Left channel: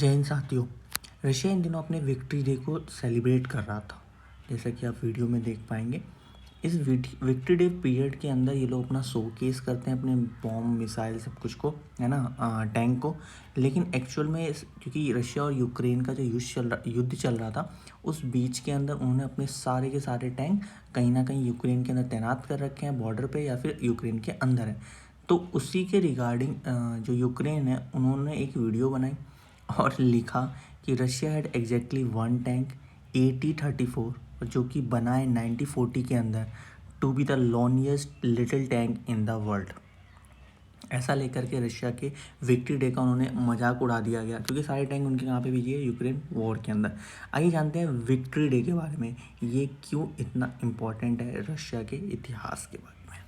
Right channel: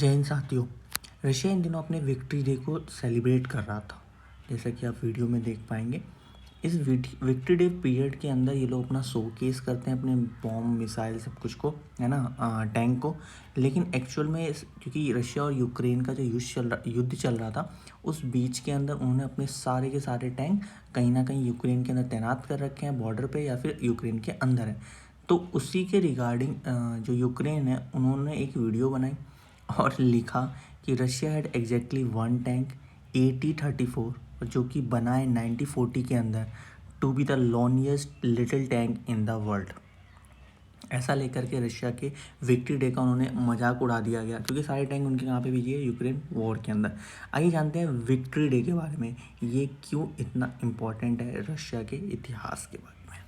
जय हिंद साथियों। रशिया इन दिनों अपने विक्ट्री डे को सेलिब्रेट कर रहा था, जैसा कि आप वीडियो में देख पाएंगे। इस विक्ट्री डे पीरियड के अंदर ये लोग अपना शोकेस करते हैं, अपने बॉम्ब मिसाइल सब कुछ को, है ना, टैंक को। लेकिन एक्चुअल में क्योंकि रशिया और यूक्रेन का जो युद्ध चल रहा था, उस बीच के अंदर उन्होंने अपने सारे के सारे टैंक कहीं ना कहीं यूक्रेन के अंदर तैनात कर रखे हैं बॉर्डर पे, या फिर यूक्रेन के अंदर है। तो उसी के रिगार्डिंग जो यूक्रेन है उन्होंने एक वीडियो बनाई और लिखा कि Russia had exactly one tank AT-34, जो कि बना है 1940 के अंदर, to be the longest little tank in the world. ऐसा लेकर के रशिया के विक्ट्री डे का उन्होंने मजाक उड़ा दिया गया, क्योंकि सारे टैंक उनके कहाँ पे भेजिए, यूक्रेन वॉर के अंदर। आइए जानते हैं विक्ट्री डे के बारे में, ये क्यों इतना इम्पोर्टेंट है रशिया के इतिहास के बारे में।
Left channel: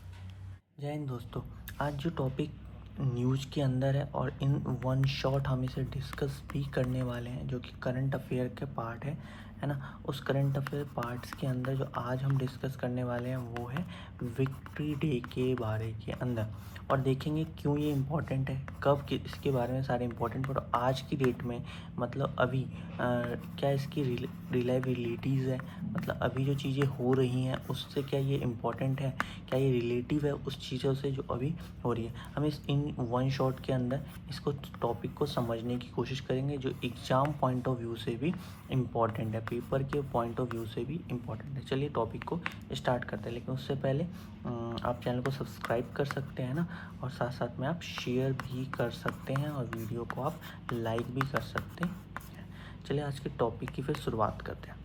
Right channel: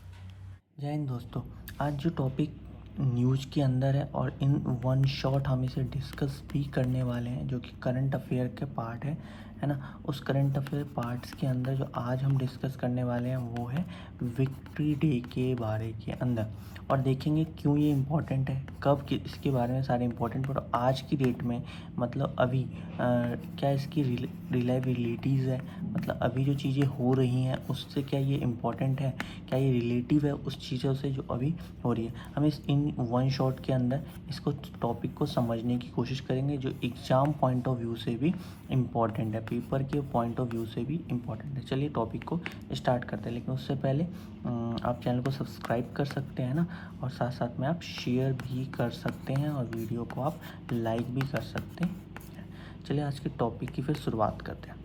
जय हिंद दोस्तों। आज जो टॉपिक न्यूज़ के अंदर है और इन वन शॉट हम इसे डिस्कस भी करने वाले हैं, जो कि करंट अफेयर के पार्ट है ना। उस करंट अफेयर पार्ट्स के अंदर जो आज हम डिस्कस करने वाले हैं वो है विक्ट्री डे के बारे के अंदर, और देखेंगे क्यों ये इम्पोर्टेंट है, कब इसके बारे में सारे इम्पोर्टेंट। और आज की डेट में मतलब अभी क्या इसकी रिलायबिलिटीज़ है, मतलब अभी जो चीज़ें हो रही हैं उससे क्या ये इम्पोर्टेंट है, क्या ये रिलेटिव है उस चीज़ों से जो अभी हो रही है। हम इस इन वन शॉट के अंदर इसको टॉपिक को समझने की कोशिश करेंगे, जो एग्ज़ाम पॉइंट ऑफ व्यू से भी इम्पॉर्टेंट है, पेपर के पॉइंट ऑफ व्यू से भी इम्पॉर्टेंट है। चलिए टॉपिक को स्टार्ट करते हैं, लेकिन उससे पहले आप चैनल को सब्सक्राइब कर सकते हैं ना, और साथ साथ में आप शेयर भी कर सकते हैं और वीडियो को आप लाइक भी कर सकते हैं। चलिए आज के टॉपिक की फिर शुरुआत करते हैं,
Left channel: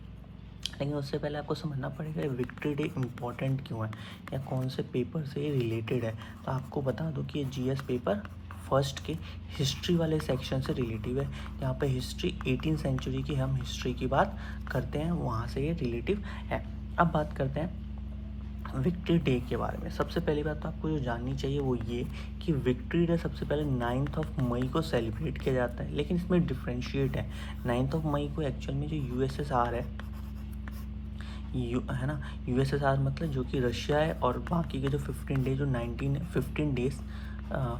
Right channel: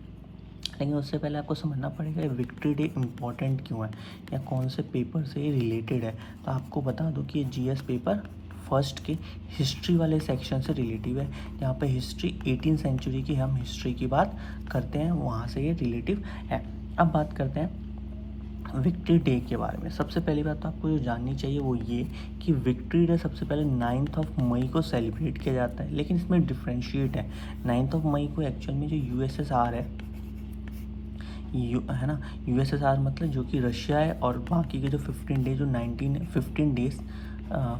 लेकिन उससे पहले आपको समझना पड़ेगा विक्ट्री डे इम्पॉर्टेंट क्यों है या कौन से पेपर से रिलेटेड है। तो आपको बता दो कि ये GS पेपर फर्स्ट के हिस्ट्री वाले सेक्शन से रिलेटिव है। यहाँ पे हिस्ट्री 18th सेंचुरी की हम हिस्ट्री की बात करते हैं, वहाँ से ये रिलेटिव है। अब बात करते हैं विक्ट्री डे के बारे में। सबसे पहली बात तो आपको जो जाननी चाहिए वो ये कि विक्ट्री डे सबसे पहले 9 मई को सेलिब्रेट किया जाता है, लेकिन इसमें डिफ्रेंशिएट है। 9 मई को एक्चुअल में जो USSR है ना, USSR मतलब जो कि रशिया है, और बाकी के जो 15 डेज, जो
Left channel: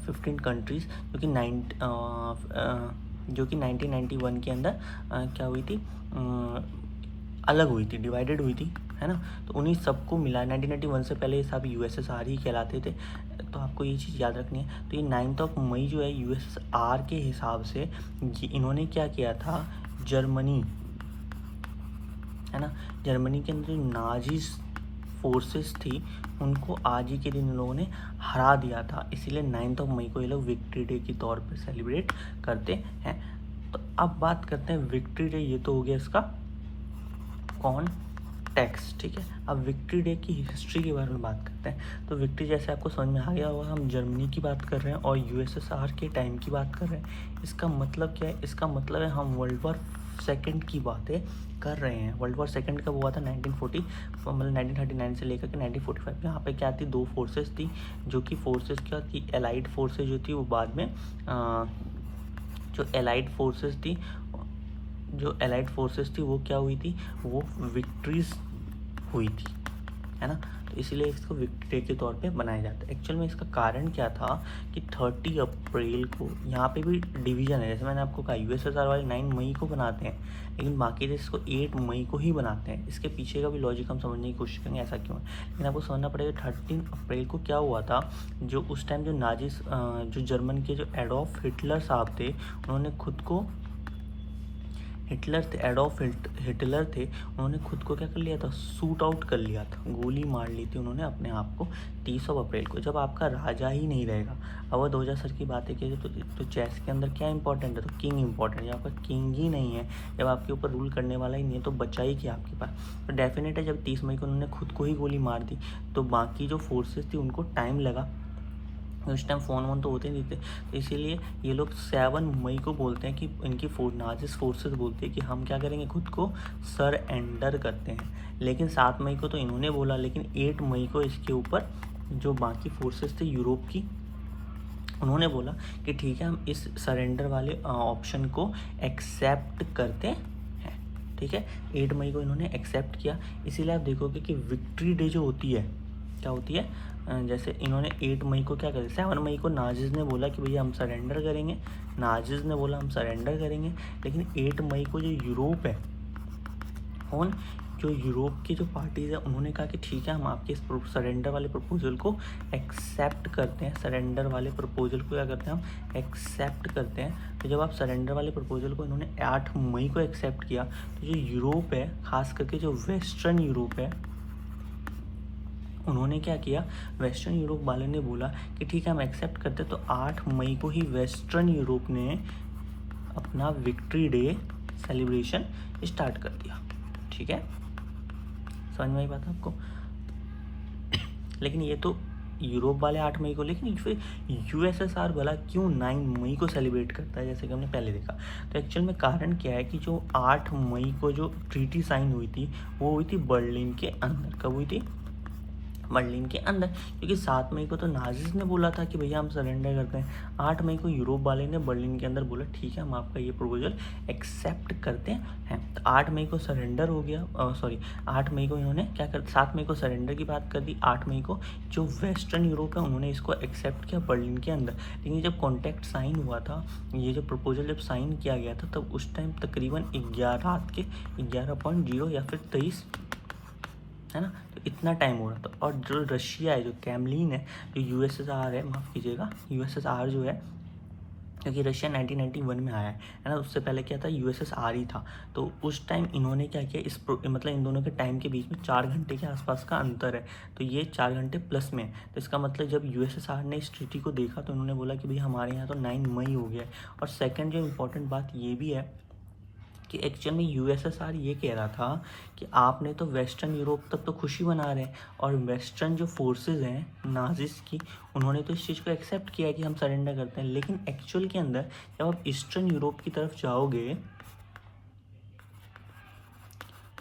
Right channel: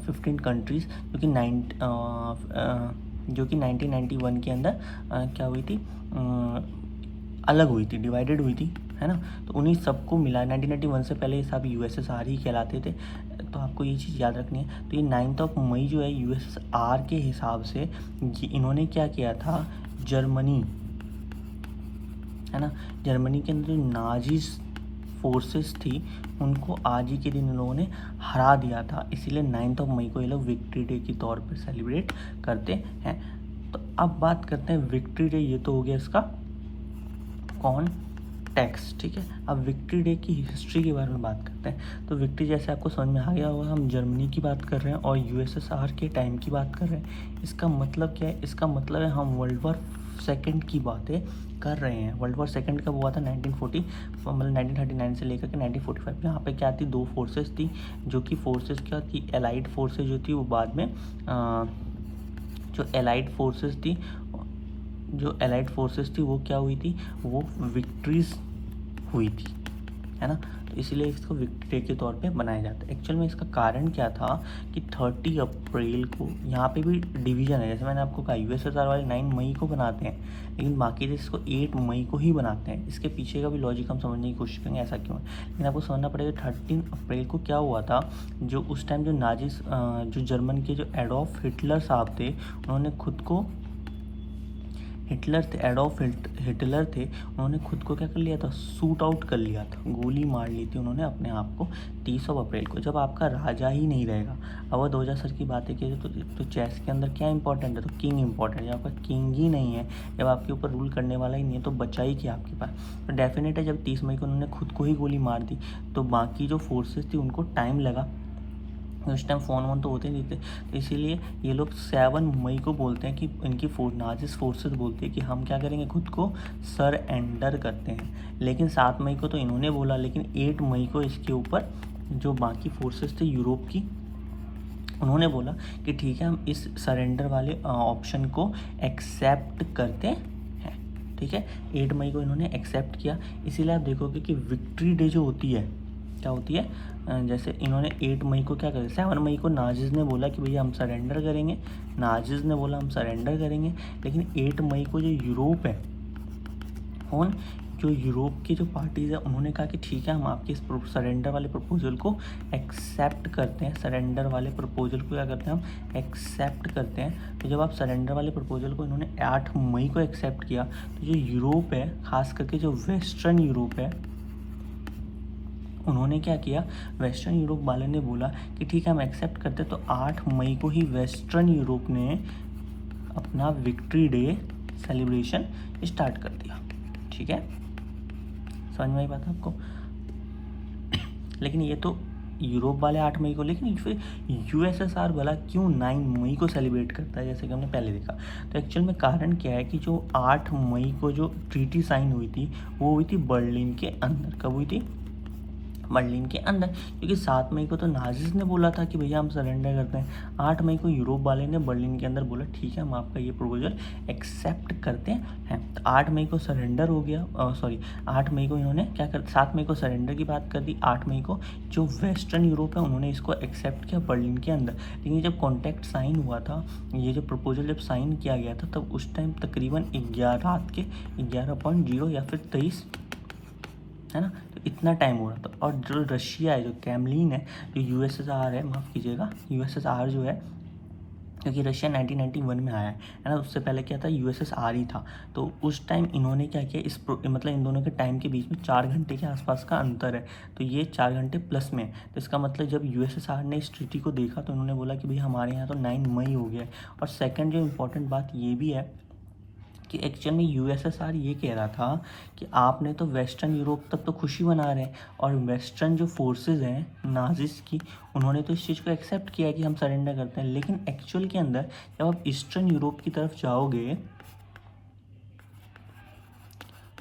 15 कंट्रीज़ जो कि 1991 के अंदर क्या हुई थी, अलग हुई थी, डिवाइडेड हुई थी, है ना। तो उन्हीं सबको मिला 1991 से पहले ये सब USSR ही कहलाते थे। तो आपको ये चीज़ याद रखनी है। तो ये 9 मई जो है USSR के हिसाब से इन्होंने क्या किया था, जर्मनी, है ना, जर्मनी के अंदर जो नाजी फोर्सेस थी उनको आज ही के दिन इन लोगों ने हरा दिया था, इसीलिए 9 मई को ये लोग विक्ट्री डे के तौर पर सेलिब्रेट करते हैं। तो अब बात करते हैं विक्ट्री डे, ये तो हो गया इसका कॉन्टेक्स्ट, ठीक है। अब विक्ट्री डे की हिस्ट्री के बारे में बात करते हैं। तो विक्ट्री, जैसे आपको समझ में आ गया होगा, हम जर्मनी की बात कर रहे हैं और USSR के टाइम की बात कर रहे हैं। इसका मतलब क्या है, इसका मतलब है हम वर्ल्ड वॉर सेकेंड की बातें कर रहे हैं। वर्ल्ड वॉर सेकेंड कब हुआ था, 1940, मतलब 1939 से लेकर के 1945। यहाँ पे क्या थी, दो फोर्सेस थी, जो कि फोर्सेस क्या थी, एलाइड फोर्सेस जो थी वो बाद में जो एलाइड फोर्सेस थी वो क्या हुई थी, वो विक्ट्रीज हुई थी, है ना। तो इसलिए इसको विक्ट्री डे के तौर पे बनाया जाता है। एक्चुअल में इसका कारण क्या था कि 30 अप्रैल को, यहाँ पे भी डिवीज़न है, जैसे मैंने आपको कहा USSR वाले 9 मई को बनाते हैं, लेकिन बाकी देश इसको 8 मई को ही बनाते हैं। इसके पीछे का भी लॉजिक हम समझने की कोशिश करेंगे ऐसा क्यों है, लेकिन आपको समझना पड़ेगा 13 अप्रैल को क्या हुआ था। जो उस टाइम जो नाजिस जो जर्मन के जो एडोल्फ हिटलर साहब थे, उन्होंने खुद को एडोल्फ हिटलर थे, उन्होंने खुद को क्या कर लिया था, शूट आउट कर लिया था, गोली मार ली थी उन्होंने अपने आप को 30 अप्रैल को। जब आपका राजा ही नहीं रहेगा, अब 2000 की बातें की तो चेस के अंदर क्या इंपॉर्टेंट है, तो किंग इंपॉर्टेंट है। जब आपका किंग ही नहीं है, जब आपके ऊपर रूल करने वाला ही नहीं है, तो बचा ही क्या आपके पास। तो डेफिनेट है जब 30 मई को उन्होंने खुद को ही गोली मार दी, तो बाकी जो फोर्सेस थी उनको टाइम लगा, उस टाइम फ़ोन वोन तो होते नहीं थे। तो इसीलिए ये लोग 7 मई को बोलते हैं कि इनकी नाजिस फोर्सेस बोलती है कि हम क्या करेंगे, खुद को सरेंडर करते हैं। लेकिन 7 मई को तो इन्होंने बोला, लेकिन 8 मई को इसके ऊपर जो बाकी फोर्सेस थे यूरोप की, उन्होंने बोला कि ठीक है हम इस सरेंडर वाले ऑप्शन को एक्सेप्ट करते हैं, ठीक है। 8 मई को इन्होंने एक्सेप्ट किया। इसीलिए आप देखोगे कि विक्ट्री डे जो होती है क्या होती है, जैसे इन्होंने 8 मई को क्या करें, 7 मई को नाजिस ने बोला कि भैया हम सरेंडर करेंगे, नाजिस ने बोला हम सरेंडर करेंगे, लेकिन 8 मई को जो यूरोप है, कौन, जो यूरोप की जो पार्टीज़ है, उन्होंने कहा कि ठीक है हम आपके इस सरेंडर वाले प्रपोजल को एक्सेप्ट करते हैं, सरेंडर वाले प्रपोजल को क्या करते हैं हम एक्सेप्ट करते हैं। तो जब आप सरेंडर वाले प्रपोजल को इन्होंने 8 मई को एक्सेप्ट किया, तो जो यूरोप है, खास करके जो वेस्टर्न यूरोप है, उन्होंने क्या किया, वेस्टर्न यूरोप वाले ने बोला कि ठीक है हम एक्सेप्ट करते हैं। तो 8 मई को ही वेस्टर्न यूरोप ने अपना विक्ट्री डे सेलिब्रेशन स्टार्ट कर दिया। ठीक है, समझ में आई बात आपको। लेकिन ये तो यूरोप वाले 8 मई को, लेकिन फिर यूएसएसआर वाला क्यों 9 मई को सेलिब्रेट करता है, जैसे कि हमने पहले देखा। तो एक्चुअल में कारण क्या है कि जो 8 मई को जो ट्रीटी साइन हुई थी, वो हुई थी बर्लिन के अंदर। कब हुई थी, बर्लिन के अंदर, क्योंकि 7 मई को तो नाजिस ने बोला था कि भैया हम सरेंडर करते हैं, 8 मई को यूरोप वाले ने बर्लिन के अंदर बोला ठीक है हम आपका ये प्रपोजल एक्सेप्ट करते हैं। तो 8 मई को सरेंडर हो गया, 8 मई को इन्होंने क्या कर, 7 मई को सरेंडर की बात कर दी, 8 मई को जो वेस्टर्न यूरोप है उन्होंने इसको एक्सेप्ट किया बर्लिन के अंदर। लेकिन जब कॉन्ट्रैक्ट साइन हुआ था, ये जो प्रपोजल जब साइन किया गया था, तब उस टाइम तकरीबन 11 रात के 11:0 या फिर 23, है ना, तो इतना टाइम हो रहा था। और जो रशिया है, जो कैमलिन है, जो यूएसएसआर है, माफ़ कीजिएगा, यूएसएसआर जो है, क्योंकि रशिया 1991 में आया है ना, उससे पहले क्या था, यूएसएसआर ही था। तो उस टाइम इन्होंने क्या किया, मतलब इन दोनों के टाइम के बीच में 4 घंटे के आसपास का अंतर है, तो ये 4 घंटे प्लस में है। तो इसका मतलब जब यूएसएसआर ने इस ट्रीटी को देखा तो उन्होंने बोला कि भाई हमारे यहाँ तो 9 मई हो गया है। और सेकेंड जो इम्पोर्टेंट बात ये भी है कि एक्चुअल में यूएसएसआर ये कह रहा था कि आपने तो वेस्टर्न यूरोप तक तो खुशी मना रहे हैं, और वेस्टर्न जो फोर्सेस हैं नाजिस की, उन्होंने तो इस चीज़ को एक्सेप्ट किया कि हम सरेंडर करते हैं। लेकिन एक्चुअल के अंदर जब आप ईस्टर्न यूरोप की तरफ जाओगे,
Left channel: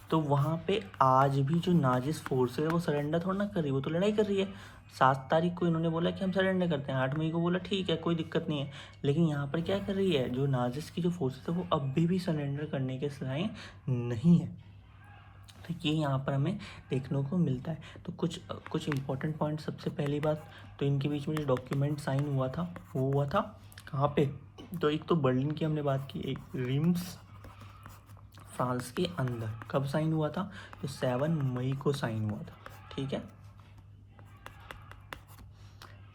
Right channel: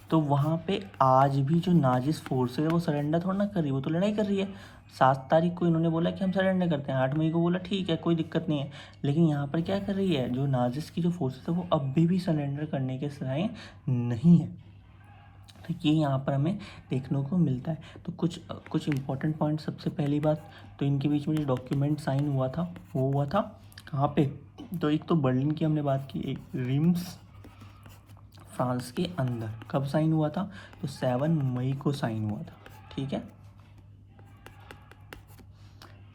तो वहाँ पे आज भी जो नाजिस फोर्सेस है वो सरेंडर थोड़ा ना कर रही है, वो तो लड़ाई कर रही है। 7 तारीख को इन्होंने बोला कि हम सरेंडर करते हैं, 8 मई को बोला ठीक है कोई दिक्कत नहीं है। लेकिन यहाँ पर क्या कर रही है, जो नाजिस की जो फोर्सेस है वो अब भी सरेंडर करने के साइन नहीं है। तो ये यहाँ पर हमें देखने को मिलता है। तो कुछ इंपॉर्टेंट पॉइंट, सबसे पहली बात तो इनके बीच में जो डॉक्यूमेंट साइन हुआ था वो हुआ था कहाँ पे, तो एक तो बर्लिन की हमने बात की, एक रिम्स फ्रांस के अंदर। कब साइन हुआ था, तो 7 मई को साइन हुआ था। ठीक है,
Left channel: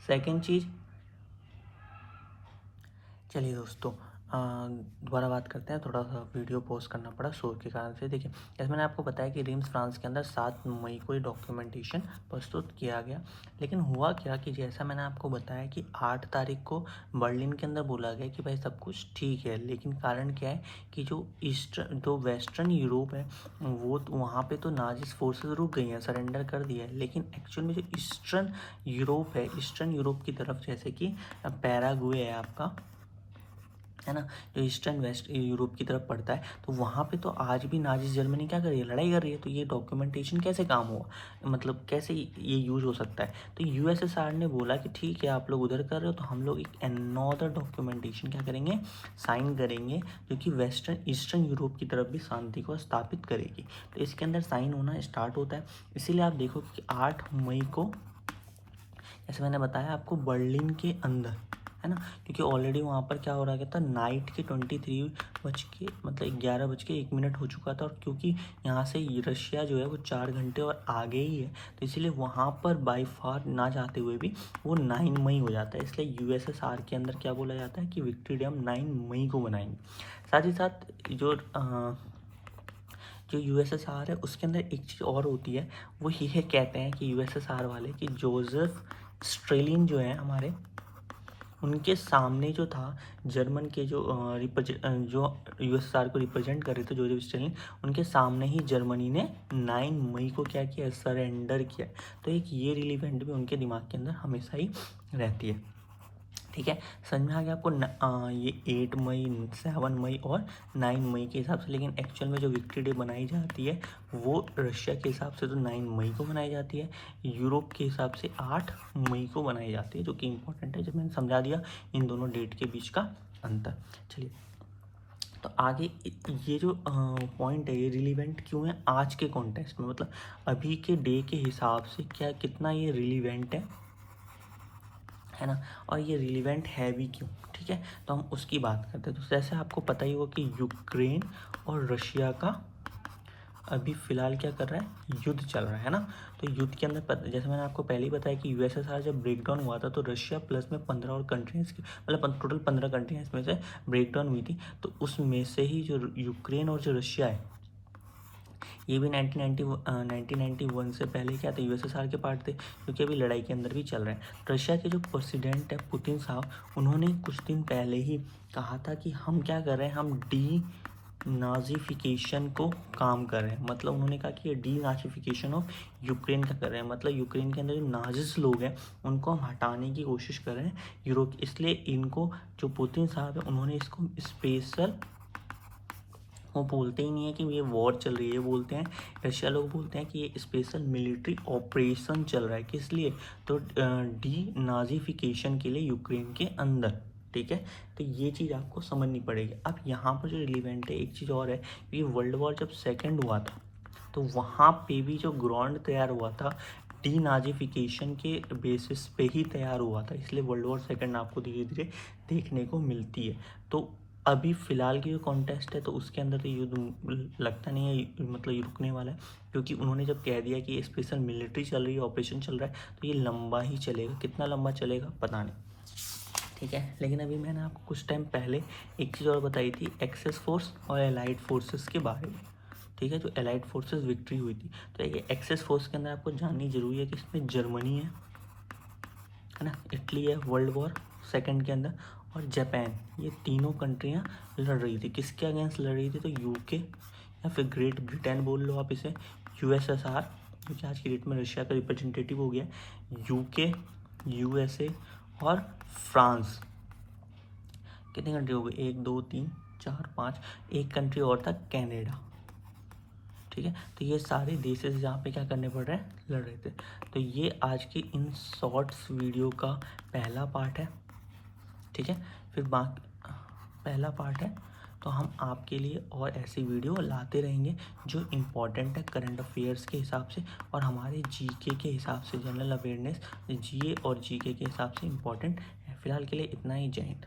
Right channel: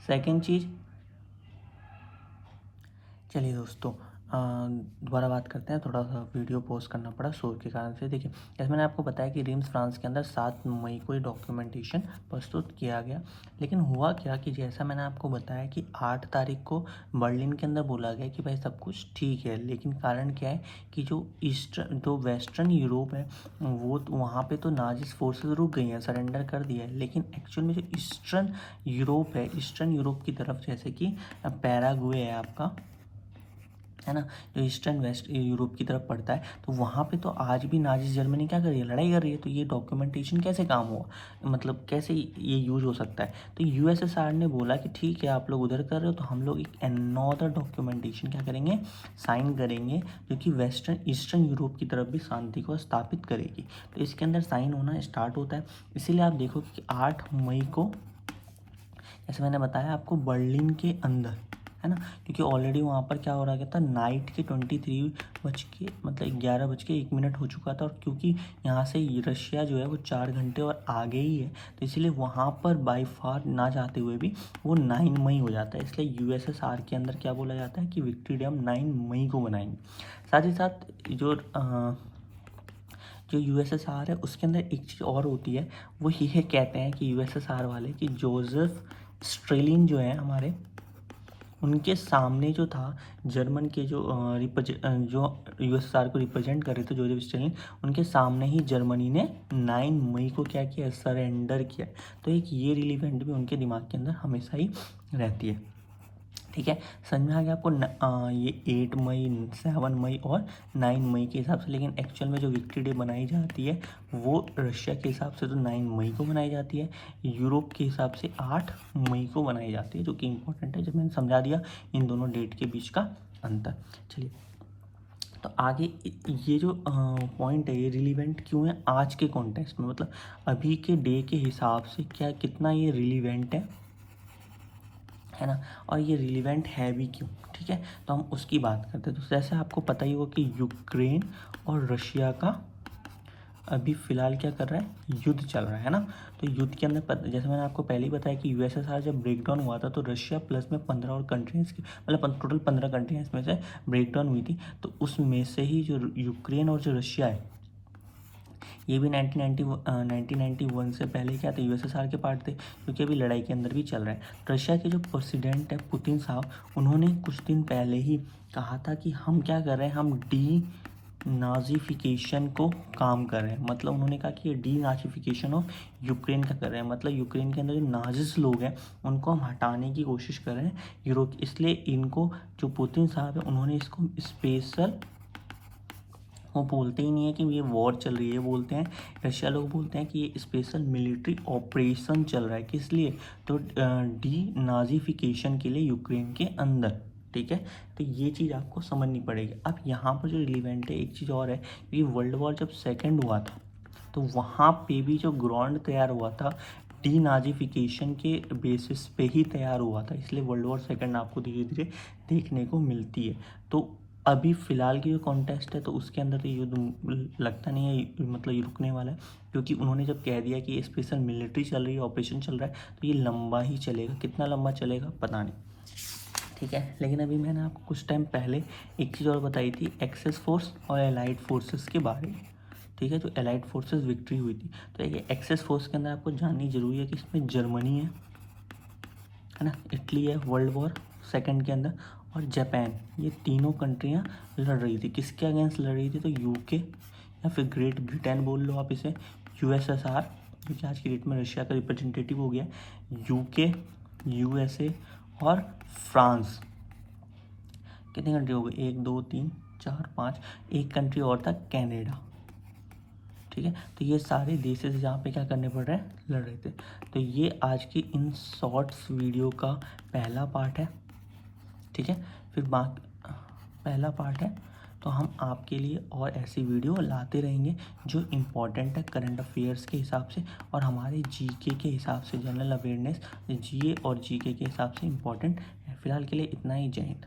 सेकेंड चीज़, चलिए दोस्तों दोबारा बात करते हैं। थोड़ा सा वीडियो पॉज करना पड़ा शोर के कारण से। देखिए, जैसे मैंने आपको बताया कि रिम्स फ्रांस के अंदर 7 मई को ये डॉक्यूमेंटेशन प्रस्तुत किया गया। लेकिन हुआ क्या कि जैसा मैंने आपको बताया कि 8 तारीख को बर्लिन के अंदर बोला गया कि भाई सब कुछ ठीक है, लेकिन कारण क्या है कि जो वेस्टर्न यूरोप है, वो वहाँ पर तो नाजिस फोर्सेज रुक गई हैं, सरेंडर कर दिया है। लेकिन एक्चुअल में जो ईस्टर्न यूरोप है, ईस्टर्न यूरोप की तरफ, जैसे कि पैराग्वे है आपका, है ना, जो ईस्टर्न वेस्ट यूरोप की तरफ पड़ता है, तो वहाँ पे तो आज भी नाजिस जर्मनी क्या कर रही है, लड़ाई कर रही है। तो ये डॉक्यूमेंटेशन कैसे काम हो, मतलब कैसे ये यूज हो सकता है। तो यूएसएसआर ने बोला कि ठीक है आप लोग उधर कर रहे हो, तो हम लोग एक अनदर डॉक्यूमेंटेशन क्या करेंगे, साइन करेंगे, जो कि वेस्टर्न ईस्टर्न यूरोप की तरफ भी शांति को स्थापित करेगी। तो इसके अंदर साइन होना स्टार्ट होता है। इसीलिए आप देखो कि 8 मई को, जैसे मैंने बताया आपको, बर्लिन के अंदर, है ना, क्योंकि ऑलरेडी वहाँ पर क्या हो रहा था, नाइट के 11:01 हो चुका था। और क्योंकि यहाँ से रशिया जो है वो 4 घंटे और आगे ही है, तो इसीलिए वहाँ पर बाई फार ना जाते हुए भी वो 9 मई हो जाता है। इसलिए यूएसएसआर के अंदर क्या बोला जाता है कि विक्ट्री डे हम 9 मई को बनाएंगे। साथ ही साथ जो यूएसएसआर है उसके अंदर एक चीज़ और होती है, वो ये कहते हैं कि यूएसएसआर वाले कि जोसेफ स्ट्रेलिन जो है हमारे, उनके सामने जो था जर्मन के जो यूएसएसआर को रिप्रेजेंट कर रहे थे, जोसेफ स्टालिन, उनके सामने ही जर्मनी ने 9 मई को क्या किया, सरेंडर किया। तो एक ये रिलीवेंट भी उनके दिमाग के अंदर हमेशा ही रहती है। ठीक है, समझ में आ गया आपको ये 8 मई, 7 मई और 9 मई के हिसाब से। लेकिन एक्चुअल में जो विक्ट्री डे बनाई जाती है वो रशिया के हिसाब से तो 9 मई को बनाई जाती है, यूरोप के हिसाब से 8 मई को बनाई जाती है, जो कि इंपॉर्टेंट है। जब मैंने समझा दिया इन दोनों डेट के बीच का अंतर। चलिए, तो आगे ये जो पॉइंट है ये रिलीवेंट क्यों है आज के कॉन्टेक्स्ट में, मतलब अभी के डे के हिसाब से क्या कितना ये रिलीवेंट है ना, और ये रिलीवेंट है भी क्यों, ठीक है। तो हम उसकी बात करते हैं। तो जैसे आपको पता ही होगा कि यूक्रेन और रशिया का अभी फ़िलहाल क्या कर रहा है, युद्ध चल रहा है ना। तो युद्ध के अंदर जैसे मैंने आपको पहले ही बताया कि यूएसएसआर जब ब्रेकडाउन हुआ था तो रशिया प्लस में 15 और कंट्रीज़ की, मतलब टोटल 15 कंट्रीज में से ब्रेकडाउन हुई थी। तो उसमें से ही जो यूक्रेन और जो रशिया है ये भी 1991 से पहले क्या थे, यूएसएसआर के पार्ट थे, क्योंकि अभी लड़ाई के अंदर भी चल रहा है। रशिया के जो प्रेसिडेंट है पुतिन साहब, उन्होंने कुछ दिन पहले ही कहा था कि हम क्या कर रहे हैं, हम डी नाजीफिकेशन को काम कर रहे हैं। मतलब उन्होंने कहा कि ये डी नाजीफिकेशन ऑफ यूक्रेन का कर रहे हैं, मतलब यूक्रेन के अंदर जो नाजिस लोग हैं उनको हम हटाने की कोशिश कर रहे हैं यूरोप। इसलिए इनको जो पुतिन साहब है उन्होंने इसको स्पेशल, वो बोलते ही नहीं है कि ये वॉर चल रही है, बोलते हैं रशिया लोग बोलते हैं कि ये स्पेशल मिलिट्री ऑपरेशन चल रहा है। किस लिए, तो डी नाजीफिकेशन के लिए यूक्रेन के अंदर, ठीक है। तो ये चीज़ आपको समझनी पड़ेगी। अब यहाँ पर जो रिलीवेंट है एक चीज़ और है कि वर्ल्ड वॉर जब सेकेंड हुआ था तो वहाँ पे भी जो ग्राउंड तैयार हुआ था डी नाजीफिकेशन के बेसिस पे ही तैयार हुआ था, इसलिए वर्ल्ड वॉर सेकेंड आपको धीरे धीरे देखने को मिलती है। तो अभी फ़िलहाल की जो कॉन्टेस्ट है तो उसके अंदर तो युद्ध लगता नहीं है, मतलब ये रुकने वाला है, क्योंकि उन्होंने जब कह दिया कि ये स्पेशल मिलिट्री चल रही है, ऑपरेशन चल रहा है, तो ये लंबा ही चलेगा। कितना लंबा चलेगा पता नहीं, ठीक है। लेकिन अभी मैंने आपको कुछ टाइम पहले एक चीज़ और बताई थी, एक्सेस फोर्स और एलाइड फोर्सेस के बारे में, ठीक है। तो एलाइड फोर्सेस विक्ट्री हुई थी, तो ये एक्सेस फोर्स के अंदर आपको जाननी जरूरी है कि इसमें जर्मनी है ना, इटली है वर्ल्ड वॉर सेकेंड के अंदर, और जापान, ये तीनों कंट्रियाँ लड़ रही थी। किसके अगेंस्ट लड़ रही थी, तो यूके या फिर ग्रेट ब्रिटेन बोल लो आप इसे, यूएसएसआर क्योंकि आज की डेट में रशिया का रिप्रेजेंटेटिव हो गया, यूके, यूएसए और फ्रांस। कितनी कंट्री हो गई, 1 2 3 4 5, एक कंट्री और था कनाडा, ठीक है। तो ये सारे देशेस जहाँ पे क्या करने पड़ रहे हैं, लड़ रहे थे। तो ये आज की इन शॉर्ट्स वीडियो का पहला पार्ट है, ठीक है। फिर बाकी पहला पार्ट है, तो हम आपके लिए और ऐसी वीडियो लाते रहेंगे जो इम्पोर्टेंट है करंट अफेयर्स के हिसाब से और हमारे जीके के हिसाब से, जनरल अवेयरनेस जीए और जीके के हिसाब से इम्पोर्टेंट है। फिलहाल के लिए इतना ही, जय हिंद।